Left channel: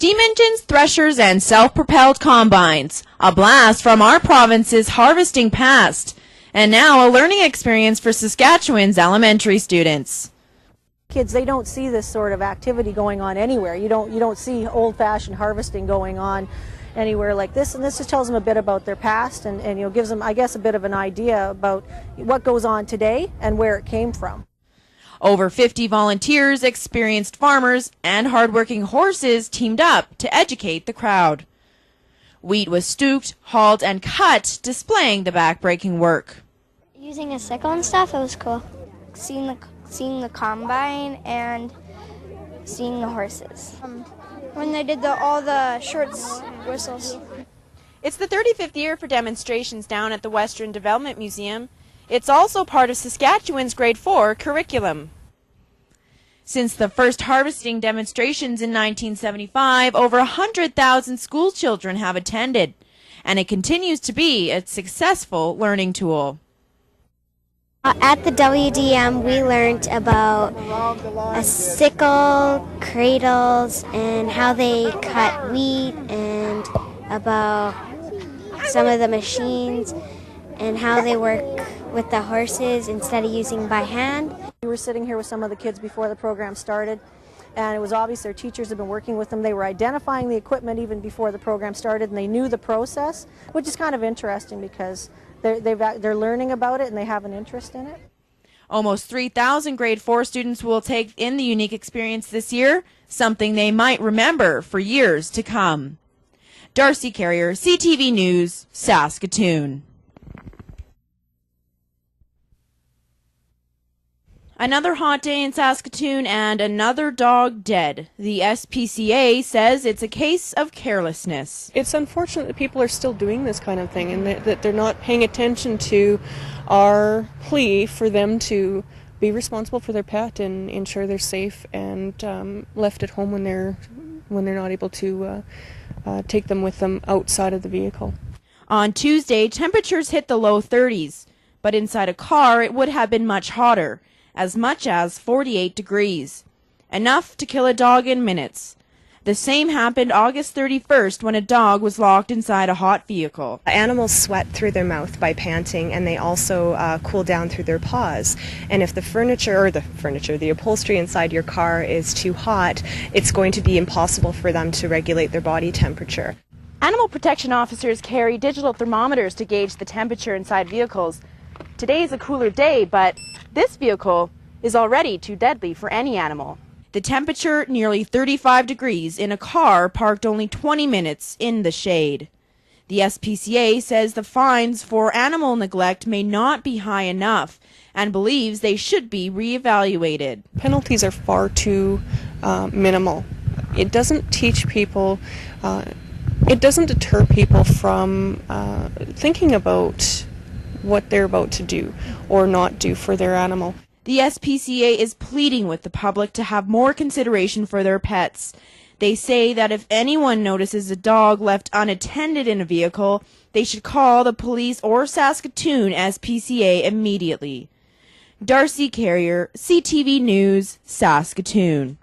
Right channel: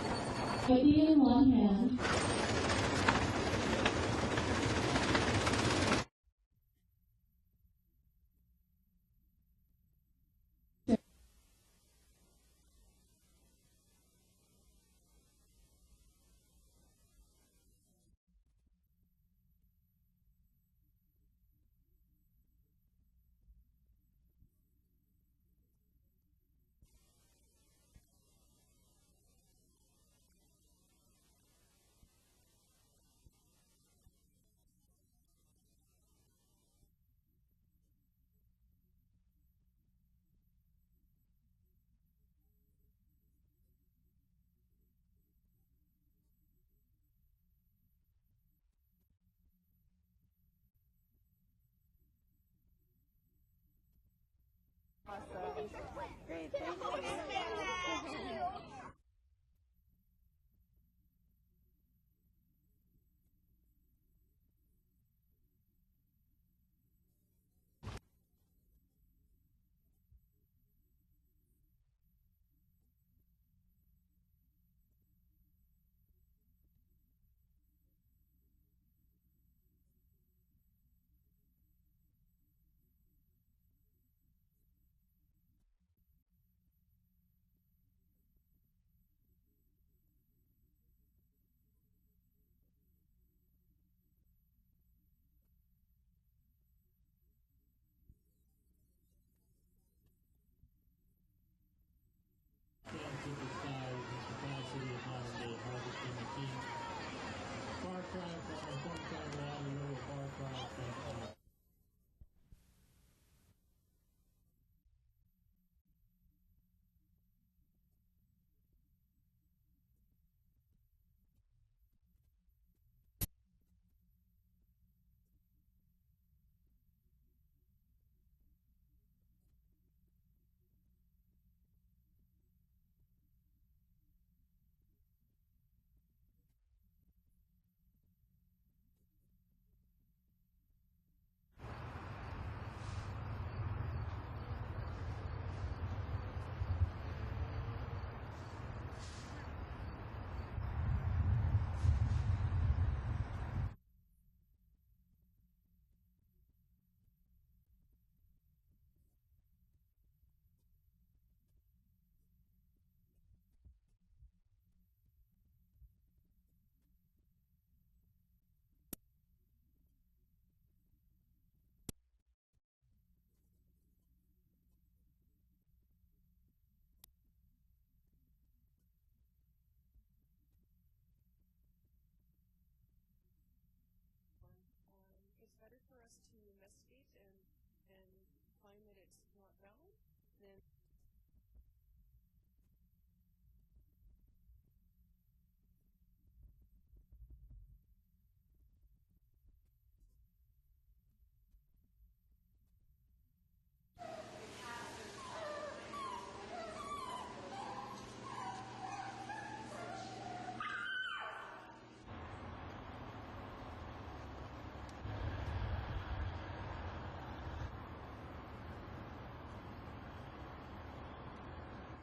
Steam engines, threshers, and self-propelled combines. A blast from our province's harvesting past. And now a learning experience for Saskatchewan's elementary students. Kids, they don't see this sort of activity going on anywhere. You don't see old-fashioned harvesting going on anywhere like this, and this just tells them a bit about their past and gives them, I guess, a bit of an idea about what goes on today and where it came from. Over 50 volunteers, experienced farmers, and hardworking horses teamed up to educate the crowd. Wheat was stooped, hauled, and cut, displaying the backbreaking work. Using a sickle and stuff, it was cool. Seeing the combine and seeing the horses. When they did all the shorts whistles. It's the 35th year for demonstrations down at the Western Development Museum. It's also part of Saskatchewan's Grade 4 curriculum. Since the first harvesting demonstrations in 1975, over 100,000 school children have attended, and it continues to be a successful learning tool. At the WDM, we learned about a sickle, cradles, and how they cut wheat, and about some of the machines and how they work with the horses instead of using by hand. We were sitting here with some of the kids before the program started, and it was obvious their teachers had been working with them. They were identifying the equipment even before the program started, and they knew the process, which is kind of interesting because they're learning about it and they have an interest in it. Almost 3,000 Grade 4 students will take in the unique experience this year, something they might remember for years to come. Darcy Carrier, CTV News, Saskatoon. Another hot day in Saskatoon and another dog dead. The SPCA says it's a case of carelessness. It's unfortunate that people are still doing this kind of thing and that they're not paying attention to our plea for them to be responsible for their pet and ensure they're safe and left at home when they're not able to take them with them outside of the vehicle. On Tuesday, temperatures hit the low 30s, but inside a car it would have been much hotter, as much as 48 degrees. Enough to kill a dog in minutes. The same happened August 31st when a dog was locked inside a hot vehicle. Animals sweat through their mouth by panting, and they also cool down through their paws. And if the upholstery inside your car is too hot, it's going to be impossible for them to regulate their body temperature. Animal protection officers carry digital thermometers to gauge the temperature inside vehicles. Today is a cooler day, but this vehicle is already too deadly for any animal. The temperature nearly 35 degrees in a car parked only 20 minutes in the shade. The SPCA says the fines for animal neglect may not be high enough and believes they should be reevaluated. Penalties are far too minimal. It doesn't teach people, it doesn't deter people from thinking about what they're about to do or not do for their animal. The SPCA is pleading with the public to have more consideration for their pets. They say that if anyone notices a dog left unattended in a vehicle, they should call the police or Saskatoon SPCA immediately. Darcy Carrier, CTV News, Saskatoon.